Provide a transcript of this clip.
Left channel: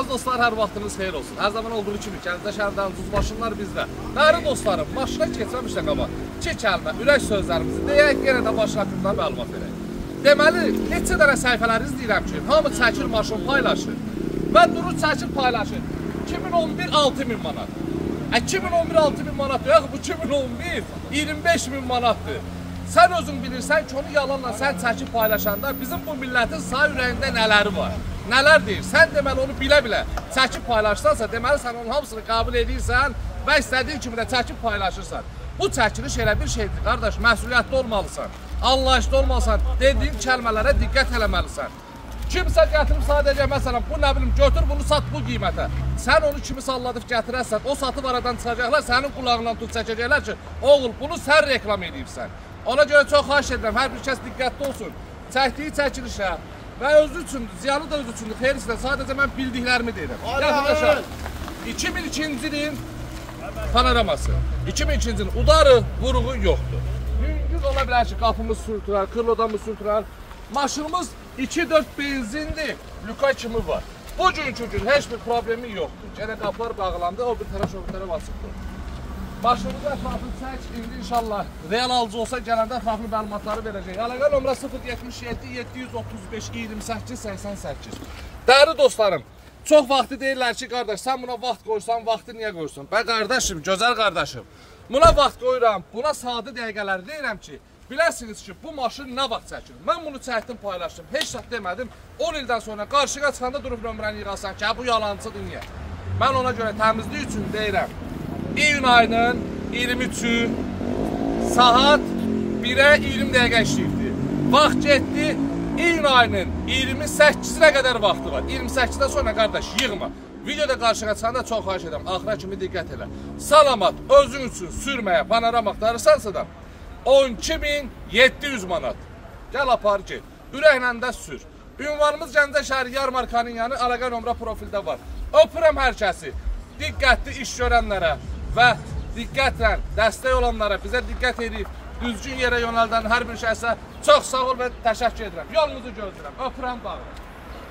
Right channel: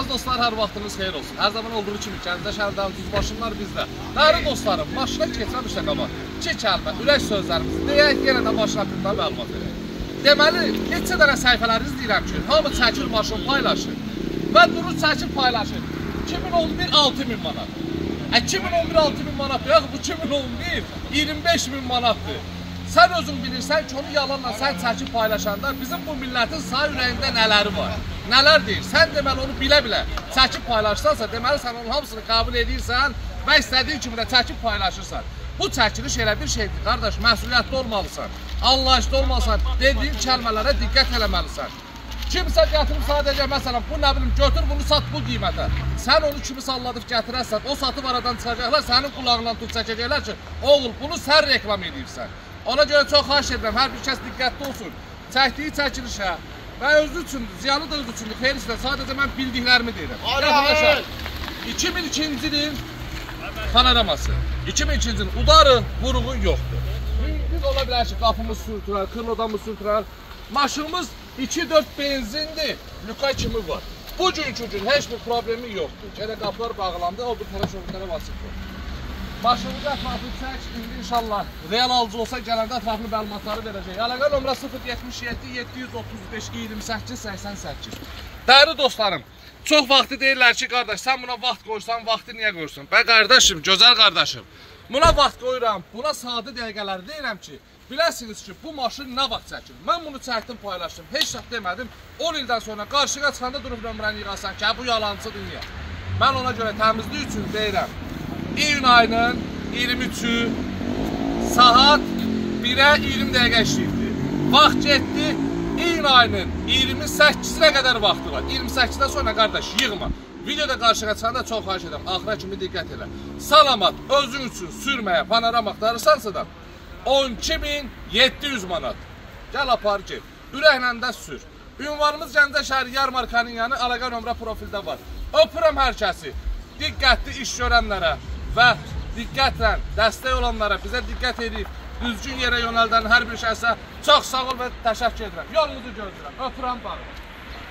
Az dostlar, hər vaxtınız xeyir olsun. Hər zaman olduğu kimi Gəncə şəhərdən Düzbaşınlar bizdə. Değerli dostlarım, maşına keçməmişdən qabaq 2 kəlmə, ürək sözlərimizi deyək, yenə də maşın haqqında məlumat verək. Deməli, neçə dənə səhifələriniz deyirəm ki, hamı çəkir maşın paylaşır və durur çəkir paylaşır. 2011 6000 manat. 2011 6000 manat yox, bu 2011 25000 manatdır. Sən özün bilirsən ki, onu yalanla sən çəkib paylaşanda bizim bu millətin sağ ürəyində nələri var? Nələr deyir? Sən deməli onu bilə-bilə çəkib paylaşsansa, deməli sən onun hamısını qəbul edirsən və istədiyin kimi də çəkib paylaşırsan. Bu çəkiliş elə bir şeydir, qardaş, məsuliyyətli olmalısan, anlayışlı olmalısan, dediyin kəlmələrə diqqət eləməlisən. Kimsə gətirib sadəcə, məsələn, bu nə bilim, götür bunu sat bu qiymətə. Sən onu kimi salladıb gətirərsən, o satıb aradan çıxacaqlar, sənin qulağından tut çəkəcəklər ki, oğul, bunu sən reklam edirsən. Ona görə çox xahiş edirəm, hər bir kəs diqqətli olsun. Çəkdiyi çəkilişə və özü üçündür, ziyalı da özü üçündür, xeyirsə, sadəcə mən bildiklərimi deyirəm. Arkadaşlar, 2002-ci ilin panoraması, 2002-ci ilin udarı, vuruğu yoxdur. Biz ola bilər ki, qapımız sürtürər, tırlodamız sürtürər. Maşınımız 2-4 benzindir, lüka kimi var. Bugünkü gün heç bir problemi yoxdur. Gələ qapılar bağlandı, o bir tərəf öbürlərə vasıbdır. Başımızı ətraflı çək, indi inşallah real alıcı olsa gələndə ətraflı məlumatları verəcək. Əlaqə nömrə 077 735 28 88. Dəyərli dostlarım, çox vaxtı deyirlər ki, qardaş, sən buna vaxt qoysan, vaxtı niyə qoyursun? Bə qardaşım, gözəl qardaşım, buna vaxt qoyuram, buna sadə dəqiqələri deyirəm ki, biləsiniz ki, bu maşın nə vaxt çəkilir? Mən bunu çəkdim, paylaşdım, heç vaxt demədim, 10 ildən sonra qarşıya çıxanda durub nömrəni yığasan ki, bu yalancıdır, niyə? Mən ona görə təmizlik üçün deyirəm. İyun ayının 23-ü saat 1-ə 20 dəqiqə işləyibdir. Vaxt getdi, iyun ayının 28-nə qədər vaxtı var. 28-dən sonra qardaş yığma. Videoda qarşıya çıxanda çox xahiş edirəm, axıra kimi diqqət elə. Salamat, özün üçün sürməyə, panorama axtarırsansa da 12700 manat. Gəl apar ki, ürəklə də sür. Ünvanımız Gəncə şəhəri yarmarkanın yanı, əlaqə nömrə profildə var. Öpürəm hər kəsi, diqqətli iş görənlərə və diqqətlə dəstək olanlara, bizə diqqət edib, düzgün yerə yönəldən hər bir şəxsə çox sağ ol və təşəkkür edirəm. Yolunuzu gözləyirəm. Öpürəm, bağlı.